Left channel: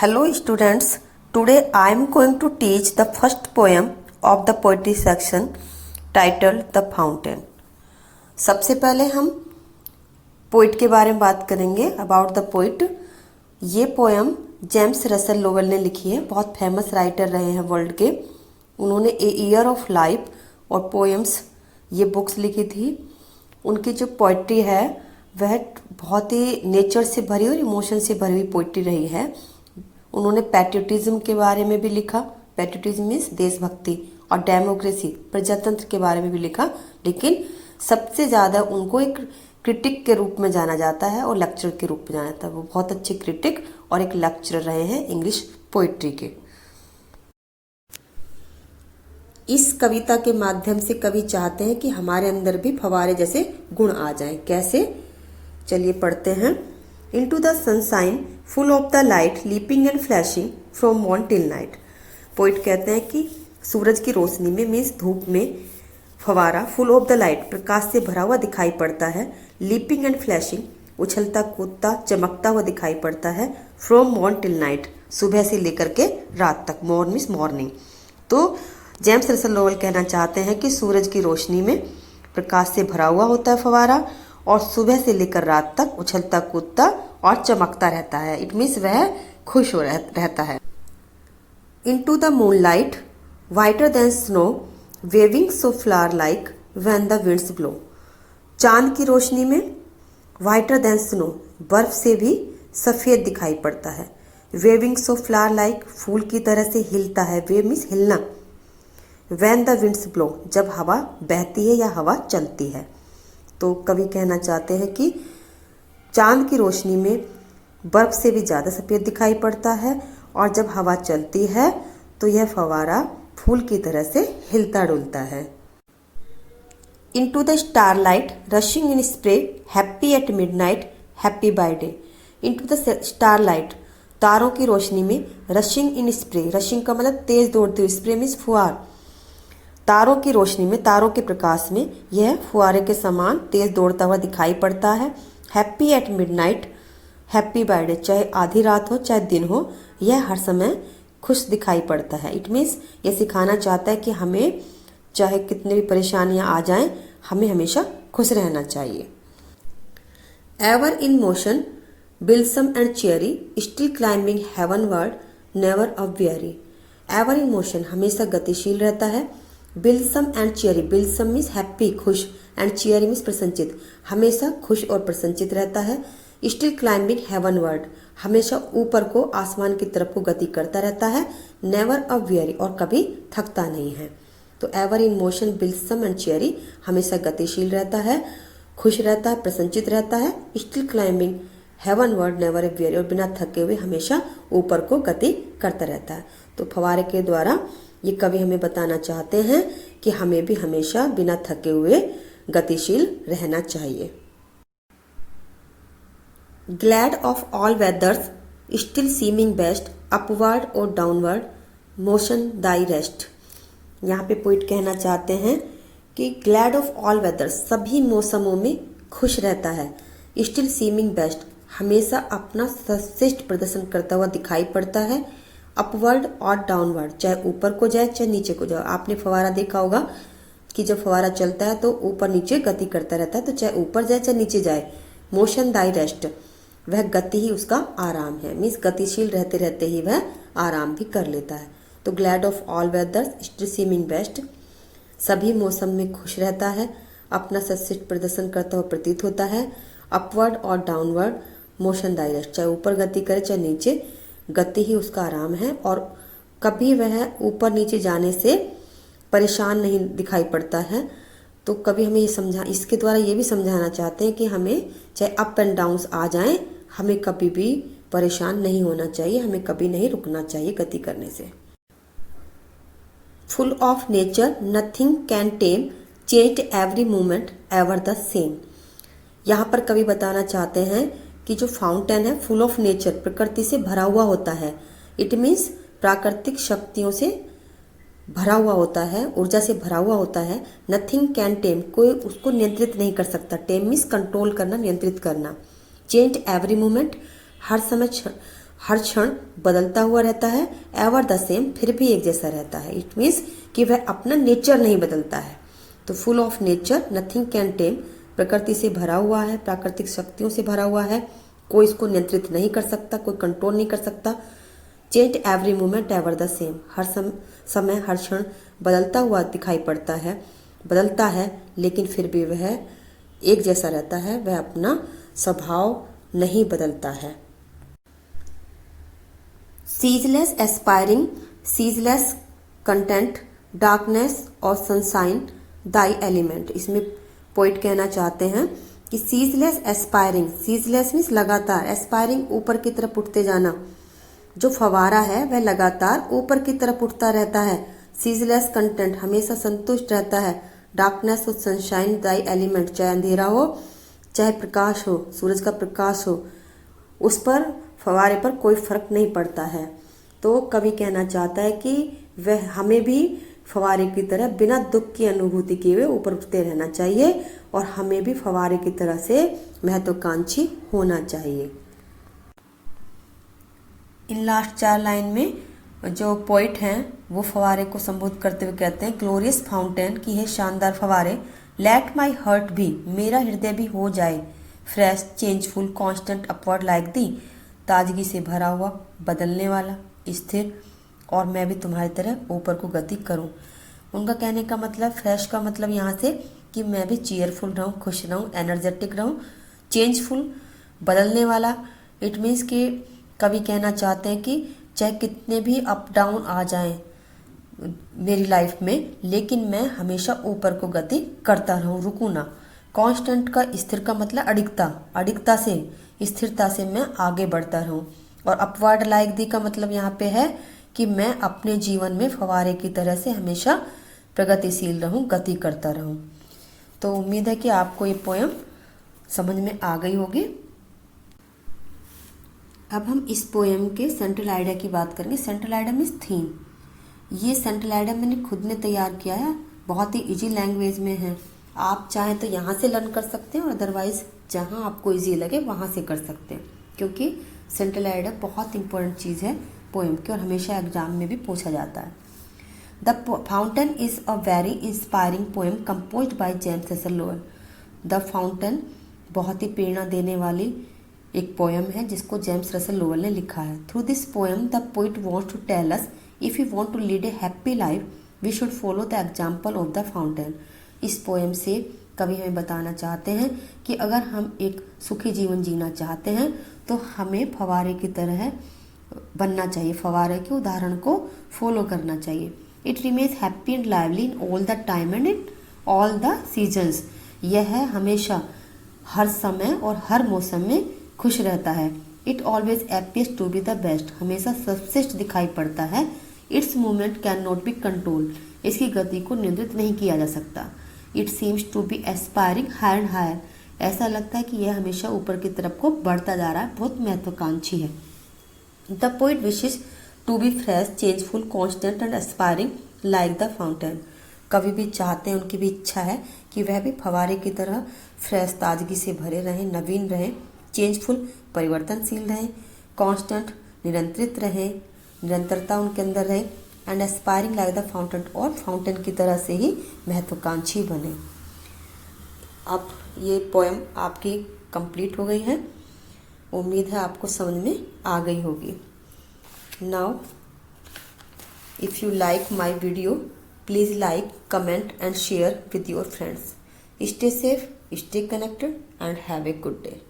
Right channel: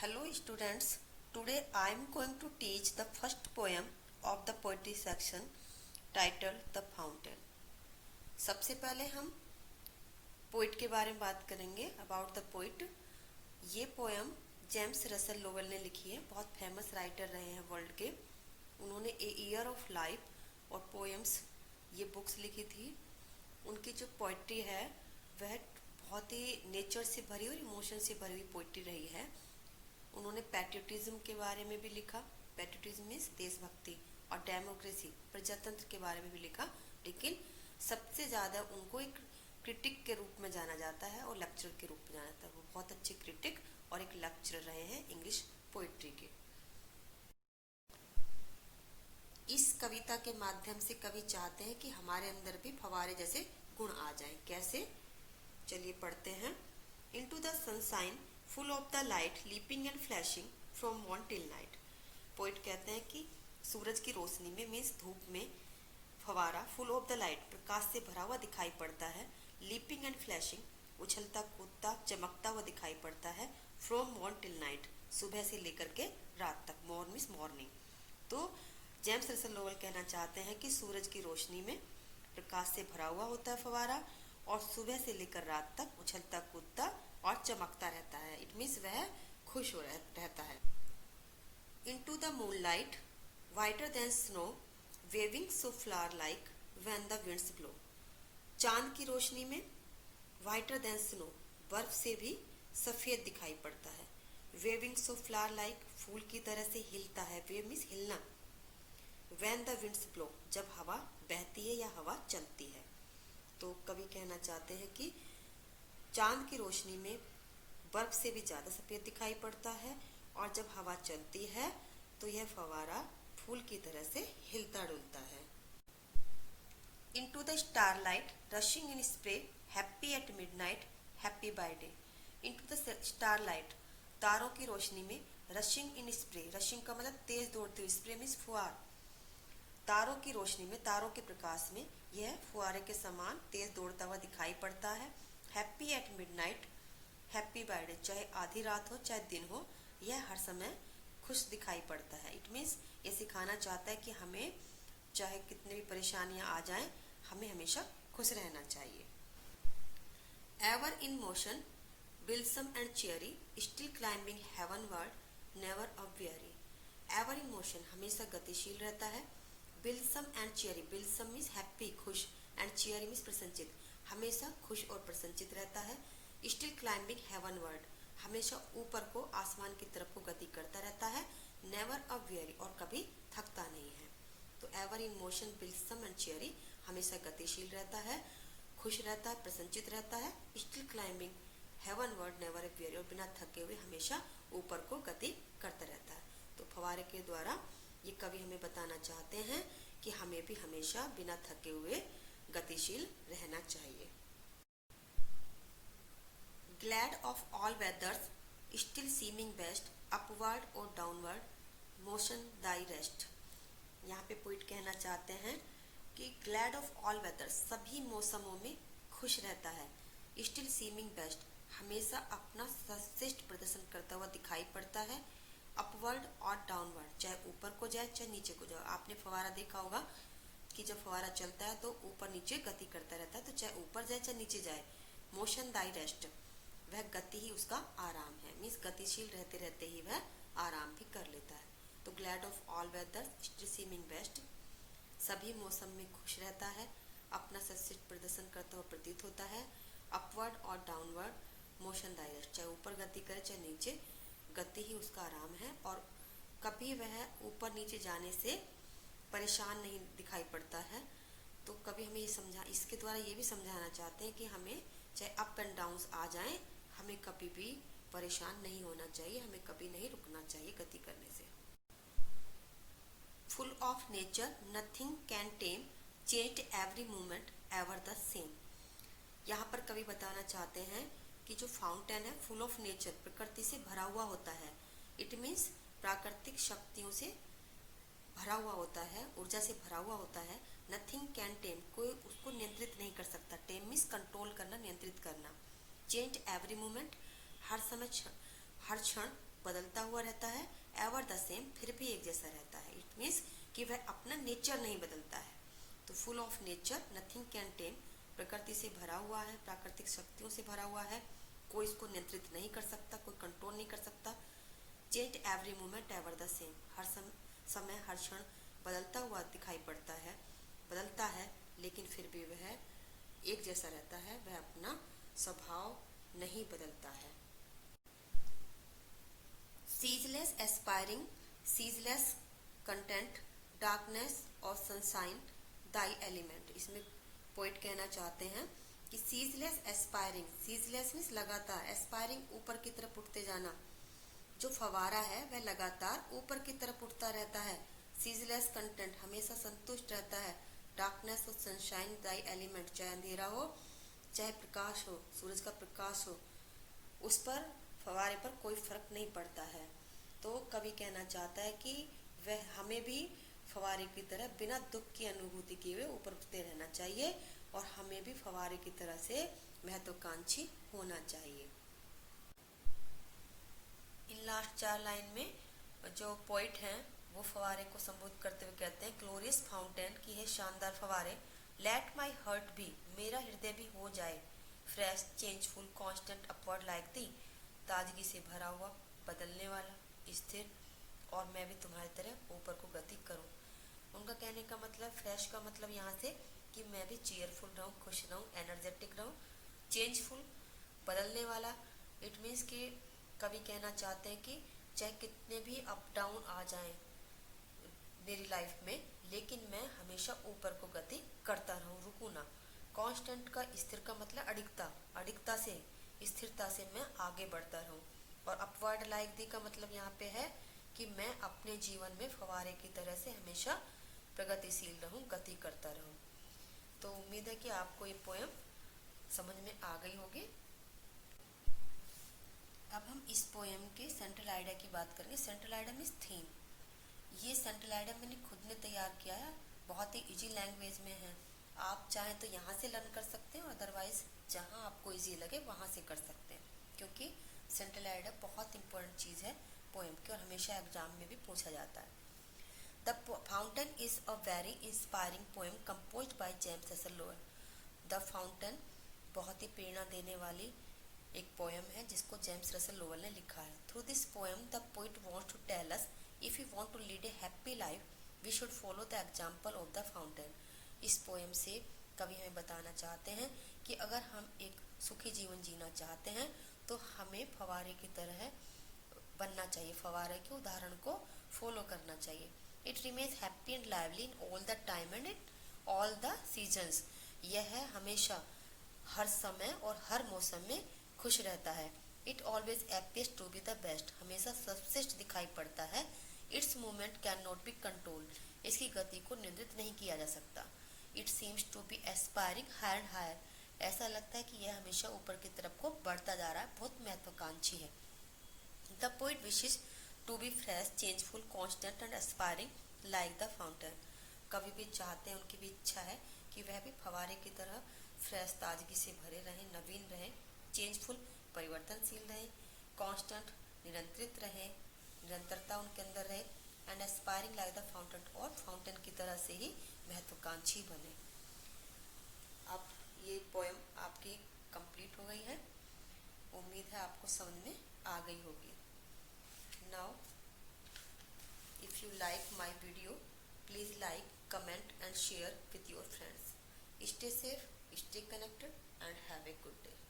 Hello students, today I am going to teach the first poem of the poetry section titled The Fountain. सबसे पहले हम poet के बारे में बात करेंगे अबाउट द पोइट। ये पोएम जेम्स रसल लोवेल ने लिखी है, बहुत फेमस राइटर रहे हैं वर्ल्ड के। उन्होंने ए ईयर ऑफ लाइफ और पोएम्स ये बुक्स लिखी थी। उनकी जो पोइट्री है वह बहुत ही नेचर से भरी और इमोशन से भरी हुई पोइट्री रही है। उन्होंने पैट्रियोटिज्म के बारे में भी लिखा, पैट्रियोटिज्म मीन्स देशभक्ति, और डेमोक्रेसी प्रजातंत्र के बारे में भी लिखा, लेकिन सबसे ज़्यादा उनको एक क्रिटिक के रूप में जाना जाता है और लेक्चरर के रूप में जाना जाता है। वो बहुत अच्छे क्रिटिक और एक लेक्चरर रहे हैं इंग्लिश पोइट्री के। इस कविता के माध्यम से कवि चाहते हैं कि हमारे अंदर भी फव्वारे जैसे गुण आ जाएं। कैसे, चलिए पढ़ते हैं। Into the sunshine, full of the light, leaping and flashing from morn till night. Poet कहते हैं कि सूरज की रोशनी में मीन्स धूप में फवारा फुल ऑफ द लाइट प्रकाश से भरा हुआ दिखाई पड़ता है। लीपिंग एंड फ्लैशिंग उछलता कूदता चमकता हुआ दिखाई पड़ता है। फ्रॉम मॉर्न टिल नाइट सुबह से लेकर के रात तक, मॉर्न मीन्स मॉर्निंग। तो जेम्स रसल लोवेल कहना चाहते हैं कि सूरज की रोशनी में प्रकाश से भरा हुआ होता है फवारा और सुबह से लेकर रात तक उछलता कूदता और चमकता रहता है। इट मीन्स वह खुश हो रहता है। Into the moonlight whiter than snow waving so flower like when the winds blow. चांद की रोशनी में वाइटर देन स्नो बर्फ से भी सफेद दिखाई पड़ता है। वेविंग सो फ्लावर लाइक फूल की तरह से हिलता है। वेव मीन्स हिलना। व्हेन द विंड्स ब्लो जब हवा बहती है या हवा चलती है। तो कवि कहना चाहते हैं कि चांद की रोशनी में बर्फ से भी ज़्यादा सफ़ेद दिखाई पड़ता है और जब हवा चलती है तो यह फवारा फूल की तरह से हिलता डुलता है। Into the starlight rushing in spray happy at midnight happy by day. Into the starlight तारों की रोशनी में रशिंग इन स्प्रे, रशिंग का मतलब तेज दौड़ती हुई, स्प्रे मीन्स फुहार। तारों की रोशनी में, तारों के प्रकाश में यह फुहारे के समान तेज दौड़ता हुआ दिखाई पड़ता है। Happy at midnight happy by day, चाहे आधी रात हो चाहे दिन हो, यह हर समय खुश दिखाई पड़ता है। इट मीन्स यह सिखाना चाहता है कि हमें चाहे कितनी भी परेशानियां आ जाएं, हमें हमेशा खुश रहना चाहिए। Ever in motion blithesome and cheery still climbing heavenward never aweary. Ever in motion हमेशा गतिशील रहता है। Blithesome and cheery, blithesome means happy खुश, एंड चेयरी मीन्स प्रसन्नचित, हमेशा खुश और प्रसन्नचित रहता है। स्टिल क्लाइंबिंग हेवनवर्ड हमेशा ऊपर को आसमान की तरफ को गति करता रहता है। नेवर अ वेरी और कभी थकता नहीं है। तो ever in motion blithesome and cheery हमेशा गतिशील रहता है, खुश रहता है, प्रसन्नचित रहता है। Still climbing heavenward never aweary और बिना थके हुए हमेशा ऊपर को गति करता रहता है। तो फव्वारे के द्वारा ये कवि हमें बताना चाहते हैं कि हमें भी हमेशा बिना थके हुए गतिशील रहना चाहिए। Glad of all weathers still seeming best upward और डाउनवर्ड मोशन दाई रेस्ट। यहाँ पे पोइट कहना चाहते हैं कि ग्लैड ऑफ ऑल वेदर्स सभी मौसमों में खुश रहता है। स्टिल सीमिंग बेस्ट हमेशा अपना सर्वश्रेष्ठ प्रदर्शन करता हुआ दिखाई पड़ता है। अपवर्ड और डाउनवर्ड चाहे ऊपर को जाए चाहे नीचे को जाए। आपने फवारा देखा होगा कि जब फवारा चलता है तो ऊपर नीचे गति करता रहता है, तो चाहे ऊपर जाए चाहे नीचे जाए। मोशन दाई रेस्ट वह गति ही उसका आराम है। मीन्स गतिशील रहते रहते ही वह आराम भी कर लेता है। तो glad of all weathers still seeming best सभी मौसम में खुश रहता है, अपना सर्वश्रेष्ठ प्रदर्शन करता हुआ प्रतीत होता है। अपवर्ड और डाउनवर्ड मोशन दाई रेस्ट चाहे ऊपर गति करे चाहे नीचे, गति ही उसका आराम है और कभी वह ऊपर नीचे जाने से परेशान नहीं दिखाई पड़ता है। तो कभी हमें इसके द्वारा ये भी समझाना चाहते हैं कि हमें चाहे अप एंड डाउन्स आ जाएं, हमें कभी भी परेशान नहीं होना चाहिए, हमें कभी नहीं रुकना चाहिए गति करने से। Full of nature nothing can time changed every moment ever the same. यहाँ पर कवि बताना चाहते हैं कि जो फाउंटेन है फुल ऑफ नेचर प्रकृति से भरा हुआ होता है। इट मीन्स प्राकृतिक शक्तियों से भरा हुआ होता है, ऊर्जा से भरा हुआ होता है। नथिंग कैन टेम कोई उसको नियंत्रित नहीं कर सकता। टेम मीन्स कंट्रोल करना, नियंत्रित करना। चेंज एवरी मोमेंट हर समय हर क्षण बदलता हुआ रहता है, एवर द सेम, फिर भी एक जैसा रहता है। इट मीन्स कि वह अपना नेचर नहीं बदलता है। तो full of nature, nothing can टेम, प्रकृति से भरा हुआ है, प्राकृतिक शक्तियों से भरा हुआ है, कोई इसको नियंत्रित नहीं कर सकता, कोई कंट्रोल नहीं कर सकता। Change every moment ever the same, हर समय हर क्षण बदलता हुआ दिखाई पड़ता है, बदलता है, लेकिन फिर भी वह एक जैसा रहता है, वह अपना स्वभाव नहीं बदलता है। Ceaseless aspiring, ceaseless content, darkness और सनशाइन दाई एलिमेंट। इसमें पोइट कहना चाहते हैं कि सीजलेस एस्पायरिंग, सीजलेस मीन्स लगातार, एस्पायरिंग ऊपर की तरफ उठते जाना, जो फवारा है वह लगातार ऊपर की तरफ उठता रहता है। सीजलेस कंटेंट, हमेशा संतुष्ट रहता है। डार्कनेस और सनशाइन दाई एलिमेंट, चाहे अंधेरा हो चाहे प्रकाश हो, सूरज का प्रकाश हो, उस पर फवारे पर कोई फर्क नहीं पड़ता है। तो कवि कहना चाहता है कि वह हमें भी फवारे की तरह बिना दुख की अनुभूति किए हुए ऊपर उठते रहना चाहिए और हमें भी फवारे की तरह से महत्वाकांक्षी होना चाहिए। इन लास्ट 4 लाइन में जो पोइट हैं वो फवारे को संबोधित करते हुए कहते हैं, ग्लोरियस फाउंटेन, की है शानदार फवारे, लेट माई हर्ट भी, मेरा हृदय भी हो जाए, fresh, changeful, constant, upward like the, ताजगी से भरा हुआ, बदलने वाला, स्थिर, और मैं भी तुम्हारी तरह ऊपर को गति करूं। उनका कहने का मतलब, फ्रेश का मतलब यहाँ से कि मैं भी चीयरफुल रहूं, खुश रहूं, एनर्जेटिक रहूं, चेंजफुल, बदलने वाला। इट मीन्स कि कवि कहना चाहते हैं कि चाहे कितने भी अप डाउन आ जाएं मेरी लाइफ में, लेकिन मैं हमेशा ऊपर को गति करता रहूं, रुकूं ना। कांस्टेंट का, स्थिर का मतलब अडिगता, अडिगता से, स्थिरता से मैं आगे बढ़ता रहूं। और अपवर्ड लाइक दी का मतलब यहाँ पे है कि मैं अपने जीवन में फवारे की तरह से हमेशा प्रगतिशील रहूं, गति करता रहूं। तो उम्मीद है कि आपको ये पोयम समझ में आ गई होगी। अब हम इस पोयम के सेंट्रल आइडिया की बात करेंगे। Central idea means theme. ये सेंट्रल आइडिया मैंने खुद ने तैयार किया है, बहुत ही इजी लैंग्वेज में है। आप चाहें तो यहाँ से लर्न कर सकते हैं और अदरवाइज जहाँ आपको इजी लगे वहाँ से कर सकते हैं, क्योंकि सेंट्रल आइडिया बहुत इंपॉर्टेंट चीज़ है पोएम की और हमेशा एग्जाम में भी पूछा जाता है। The fountain is a very inspiring poem composed by James Russell Lowell. The fountain बहुत ही प्रेरणा देने वाली एक पोएम है जिसको जेम्स रसल लोवेल ने लिखा है। Through this poem the poet wants to tell us if you want to lead a happy life we should follow the example of the fountain. इस पोएम से कवि हमें बताना चाहते हैं कि अगर हम एक सुखी जीवन जीना चाहते हैं तो हमें फवारे की तरह बनना चाहिए, फवारे के उदाहरण को फॉलो करना चाहिए। It remains happy and lively in all the time and in all the seasons. यह हमेशा हर समय और हर मौसम में खुश रहता है। It always appears to be the best, हमेशा सर्वश्रेष्ठ दिखाई पड़ता है। Its movement can not be control, इसकी गति को नियंत्रित नहीं किया जा सकता। It seems to be aspiring higher and higher, ऐसा लगता है कि यह हमेशा ऊपर की तरफ को बढ़ता जा रहा है, बहुत महत्वाकांक्षी है। The poet wishes to be fresh, changeful, constant and aspiring like the fountain. कवि भी चाहते हैं, उनकी भी इच्छा है कि वह भी फवारे की तरह फ्रेश, ताजगी से भरे रहें, नवीन रहें, चेंजफुल, परिवर्तनशील रहें, कांस्टेंट, निरंतरित रहें, निरंतरता उनके अंदर रहे, and aspiring like the fountain, और फाउंटेन की तरह से ही महत्वाकांक्षी बने। अब ये पोएम आपकी कंप्लीट हो गई है, उम्मीद है आपको समझ में आ गई होगी। Now if you like my video please like, comment and share with your friends. Stay safe, stay connected and have a good day.